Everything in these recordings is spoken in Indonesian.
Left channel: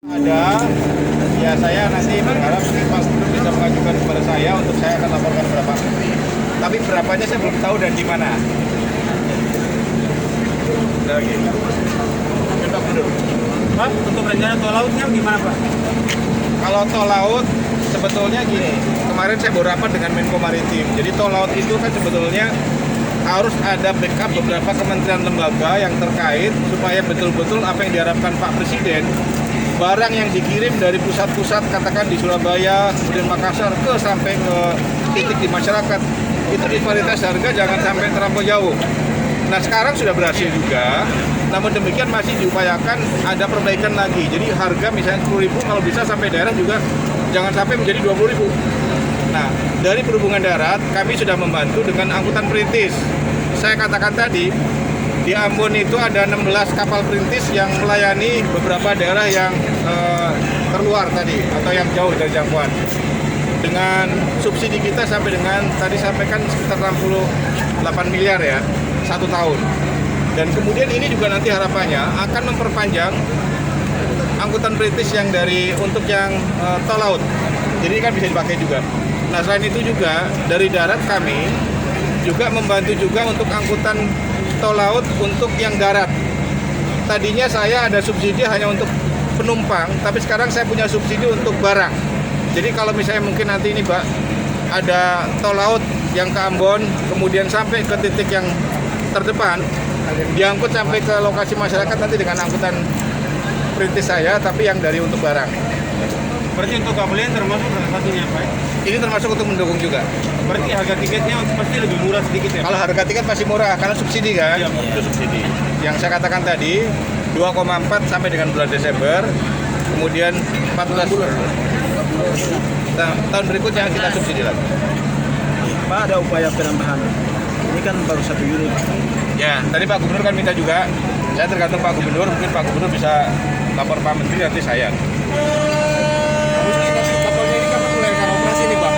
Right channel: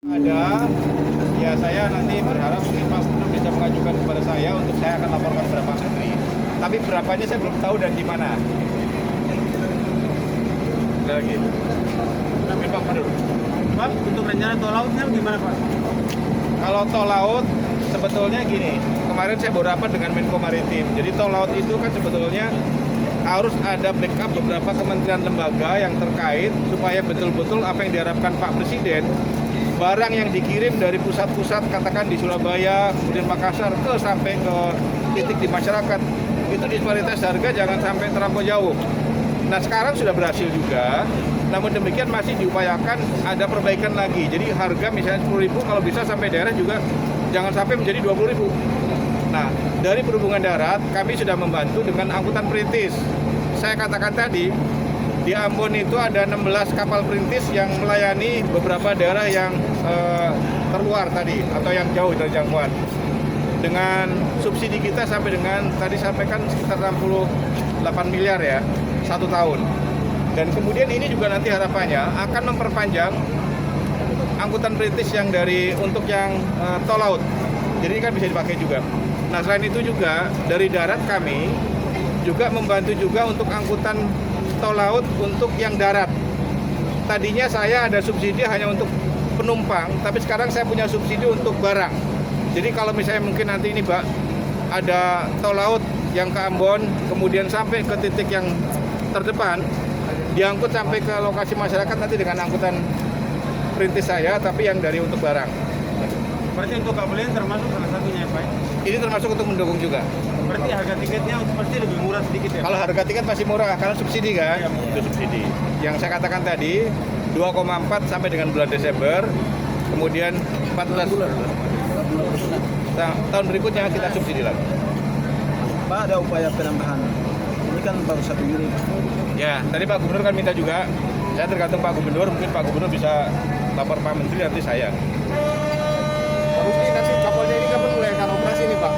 Ada, ya saya nanti berharap Mas Gubernur bisa mengajukan kepada saya untuk saya akan laporkan kepada Pak Menteri. Tapi berapanya saya belum tahu dan di mana. Ada lagi. Pak Gubernur. Pak, untuk rencana tol lautnya gimana Pak? Kalau tol laut sebetulnya gini, kemarin saya baru rapat dengan Menko Maritim. Jadi tol laut itu kan sebetulnya harus ada backup beberapa kementerian lembaga yang terkait supaya betul-betul apa yang diharapkan Pak Presiden, barang yang dikirim dari pusat-pusat katakan di Surabaya, kemudian Makassar ke sampai ke titik di masyarakat, itu disparitas harga jangan sampai terlampau jauh. Nah sekarang sudah berhasil juga, namun demikian masih diupayakan ada perbaikan lagi. Jadi harga misalnya 10.000 kalau bisa sampai daerah juga jangan sampai menjadi 20.000. Nah dari perhubungan darat kami sudah membantu dengan angkutan perintis. Saya katakan tadi di Ambon itu ada 16 kapal perintis yang melayani beberapa daerah yang terluar tadi atau yang jauh dari jangkauan. Dengan subsidi kita sampai dengan tadi sampaikan sekitar 68 miliar ya, 1 tahun. Dan kemudian ini juga nanti harapannya akan memperpanjang angkutan perintis yang dari untuk yang tol laut. Jadi kan bisa dipakai juga. Nah selain itu juga dari darat kami juga membantu juga untuk angkutan tol laut untuk yang darat. Tadinya saya ada subsidi hanya untuk penumpang, tapi sekarang saya punya subsidi untuk barang. Jadi kalau misalnya mungkin nanti ini Pak ada tol laut yang ke Ambon, kemudian sampai ke titik yang terdepan, diangkut sampai ke lokasi masyarakat nanti dengan angkutan perintis saya, tapi yang dari untuk barang. Berarti untuk kabelnya termasuk salah satunya Pak? Ini termasuk untuk mendukung juga. Berarti harga tiketnya pasti lebih murah sedikit ya? Kalau harga tiket masih murah karena subsidi kan? Iya, Itu subsidi. Yang saya katakan tadi 2,4 sampai dengan bulan Desember, kemudian 14. Nah, tahun berikutnya kita subsidi lagi. Pak, ada upaya penambahan. Ini kan baru 1 unit. Ya, tadi Pak Gubernur kan minta juga. Saya tergantung Pak Gubernur, mungkin Pak Gubernur bisa lapor Pak Menteri nanti saya. Terus ini nanti kapalnya ini kapan mulai akan operasi nih Pak?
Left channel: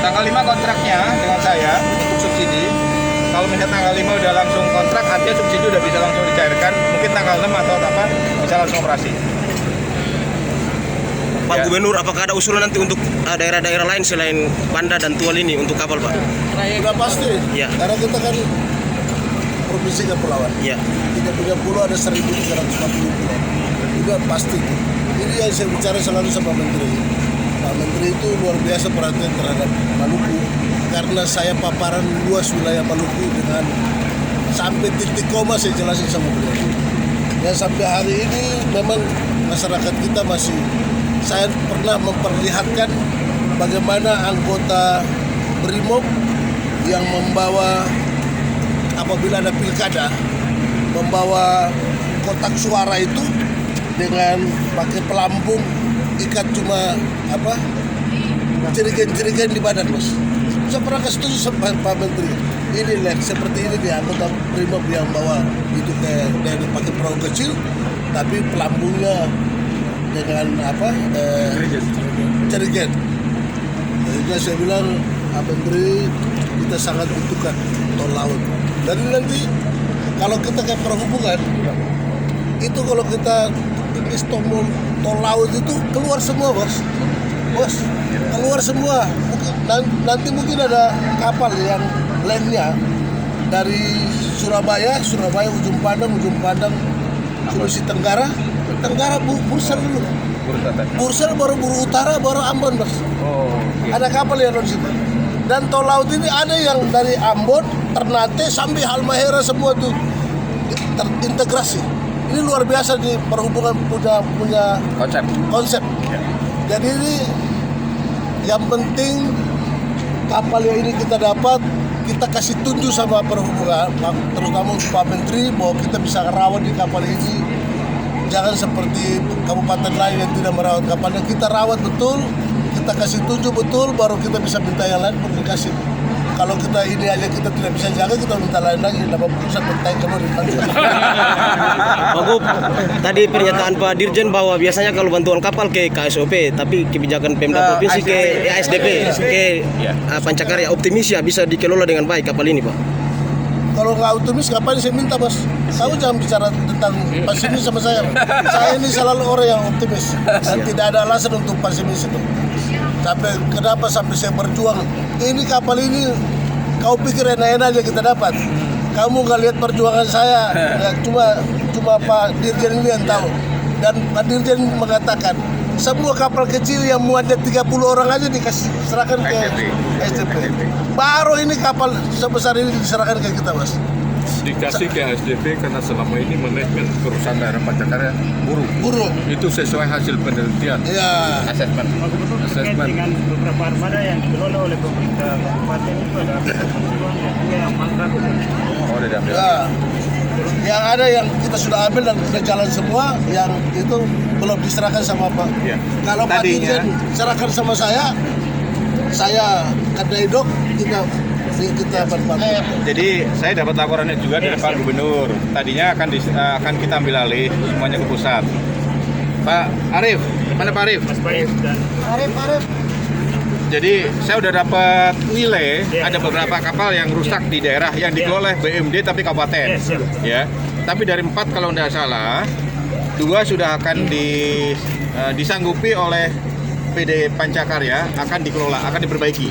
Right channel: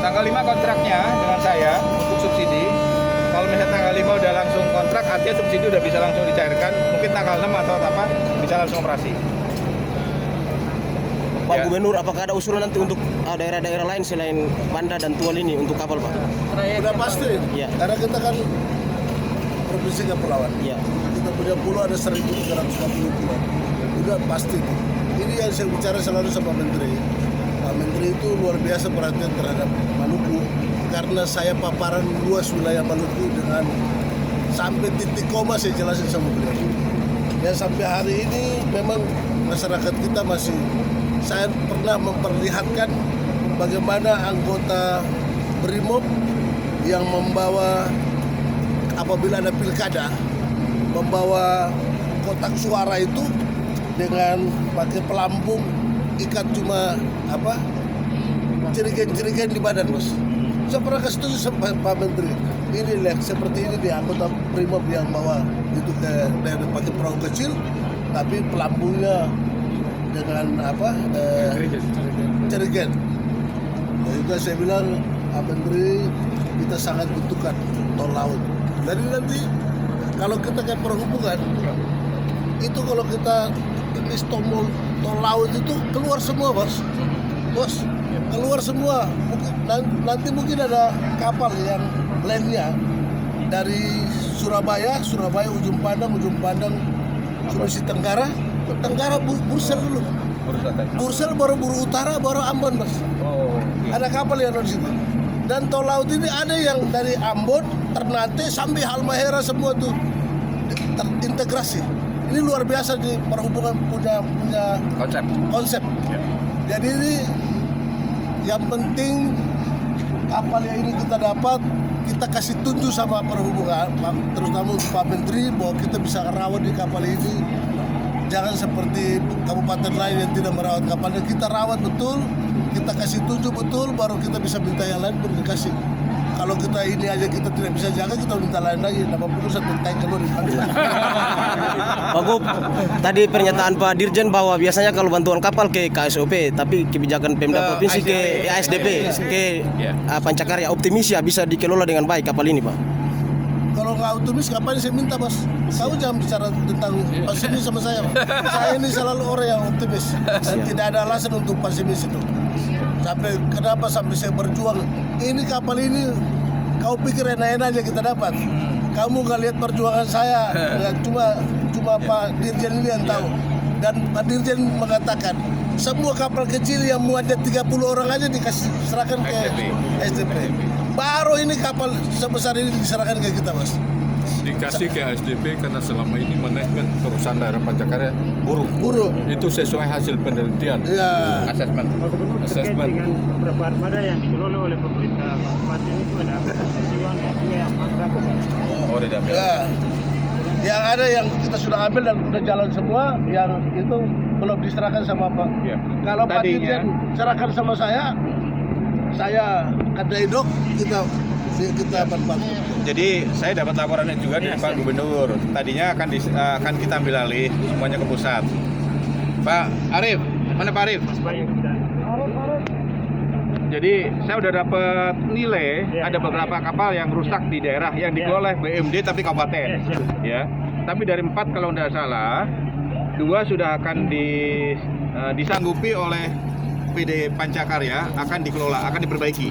Tanggal 5 kontraknya dengan saya subsidi. Kalau misalnya tanggal 5 udah langsung kontrak, artinya subsidi udah bisa langsung dicairkan. Mungkin tanggal 6 atau apa bisa langsung operasi. Pak Ya. Gubernur, apakah ada usulan nanti untuk daerah-daerah lain selain Banda dan Tual ini untuk kapal Pak? Sudah pasti, Ya. karena kita kan provinsi kepulauan. Ya. Kita punya pulau ada 1.350 pulau. Itu pasti itu. Ini yang saya bicara selalu sama Menteri. Pak Menteri itu luar biasa perhatian terhadap Maluku. Karena saya paparan luas wilayah Maluku dengan sampai titik koma saya jelasin sama beliau. Dan sampai hari ini memang masyarakat kita masih, saya pernah memperlihatkan bagaimana anggota BRIMOB yang membawa apabila ada pilkada membawa kotak suara itu dengan pakai pelampung ikat cuma apa jerigen-jerigen di badan Mas. Saya pernah setuju sama Pak Menteri. Ini lihat seperti ini dia anggota BRIMOB yang bawa itu dari pakai perahu kecil tapi pelampungnya dengan apa jerigen. Nah, itu saya bilang Pak Menteri kita sangat butuhkan tol laut. Jadi nanti kalau kita ke perhubungan itu kalau kita tulis tol laut itu keluar semua bos keluar semua. Nanti mungkin ada kapal yang lainnya dari Surabaya ujung Padang Sulawesi Tenggara Bursel dulu. Bursel baru Buru Utara baru Ambon bos. Ada kapal yang dari situ. Dan tol laut ini ada yang dari Ambon, Ternate sampai Halmahera semua tuh terintegrasi. Ini luar biasa di perhubungan punya konsep. Jadi ini yang penting kapal yang ini kita dapat, kita kasih tunjuk sama perhubungan, terutama untuk Pak Menteri bahwa kita bisa rawat di kapal ini. Jangan seperti kabupaten lain yang tidak merawat kapalnya, kita rawat betul, kita kasih tunjuk betul, baru kita bisa minta yang lain baru dikasih. Kalau kita ini aja kita tidak bisa jaga, kita minta lain lagi, 80 sampai taik keluar di kantor. Pak Gub, tadi pernyataan Pak Dirjen bahwa biasanya kalau bantuan kapal ke KSOP, tapi kebijakan Pemda Provinsi ke ASDP, ke Pancakarya optimis ya bisa dikelola dengan baik kapal ini Pak. Kalau nggak optimis, ngapain saya minta bos? Kamu jangan bicara tentang pesimis sama saya. Saya ini selalu orang yang optimis dan tidak ada alasan untuk pesimis itu. Kenapa sampai saya berjuang? Ini kapal ini, kau pikir enak-enak aja kita dapat. Kamu nggak lihat perjuangan saya, ya, cuma Pak Dirjen ini yang tahu. Dan Pak Dirjen mengatakan semua kapal kecil yang muatnya 30 orang aja dikasih serahkan ke SDP. Baru ini kapal sebesar ini diserahkan ke kita, Mas. Dikasih ke SDP karena selama ini manajemen perusahaan daerah Pancakarya Buruk. itu sesuai hasil penelitian. Ya. Assessment. Terkait dengan beberapa armada yang dikelola oleh pemerintah kabupaten itu ada yang mantap. Oh, udah diambil. Ya. Yang ada yang kita sudah ambil dan sudah jalan semua, yang itu belum diserahkan sama Pak. Iya. Kalau Pak Tadinya- Dirjen serahkan sama saya kedai dok kita berpartner. Jadi saya dapat laporannya juga dari Pak Gubernur. Tadinya akan kita ambil alih semuanya ke pusat. Pak Arif, mana Pak Arif? Mas Baik dan Jadi saya udah dapat nilai ada beberapa kapal yang rusak di daerah yang dikelola oleh BUMD tapi kabupaten. Ya. Tapi dari 4 kalau tidak salah, 2 sudah akan disanggupi oleh PD Pancakarya, akan dikelola, akan diperbaiki.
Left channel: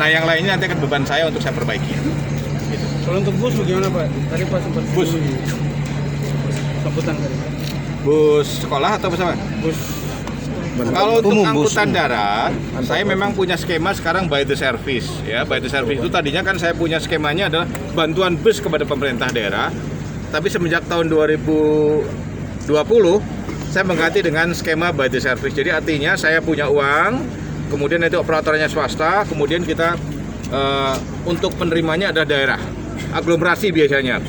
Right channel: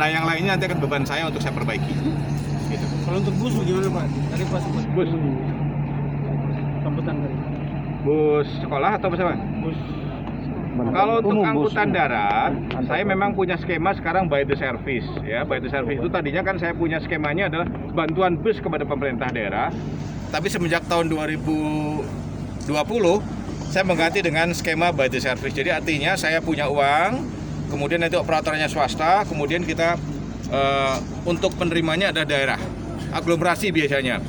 Nah yang lainnya nanti akan beban saya untuk saya perbaiki. kalau untuk bus bagaimana Pak? Tadi Pak sempat Bus. sambutan tadi. Bus sekolah atau bus apa? Bus Kalau untuk angkutan darat, saya memang punya skema sekarang by the service. Ya, by the service itu tadinya kan saya punya skemanya adalah bantuan bus kepada pemerintah daerah. Tapi semenjak tahun 2020, saya mengganti dengan skema by the service. Jadi artinya saya punya uang, kemudian itu operatornya swasta, kemudian kita untuk penerimanya adalah daerah, aglomerasi biasanya.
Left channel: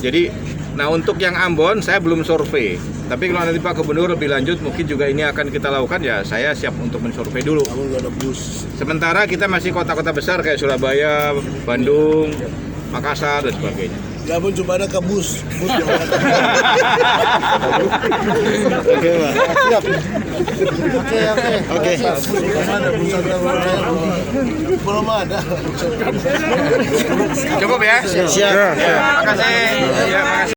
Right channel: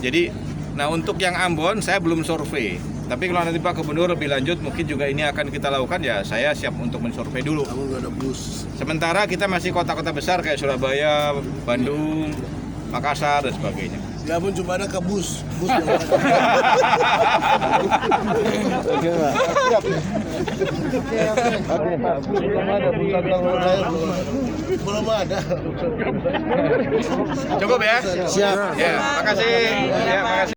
Jadi, nah untuk yang Ambon saya belum survei. Tapi kalau nanti Pak Gubernur lebih lanjut, mungkin juga ini akan kita lakukan, ya saya siap untuk mensurvei dulu. Kamu nggak ada bus. Sementara kita masih kota-kota besar kayak Surabaya, Bandung, Makassar, dan sebagainya. Nggak pun cuma ada ke bus. Bus yang ada. Oke, Pak. Oke. Belum ada bus belum ada. Cukup ya? Siap. Terima kasih. Ya, terima kasih.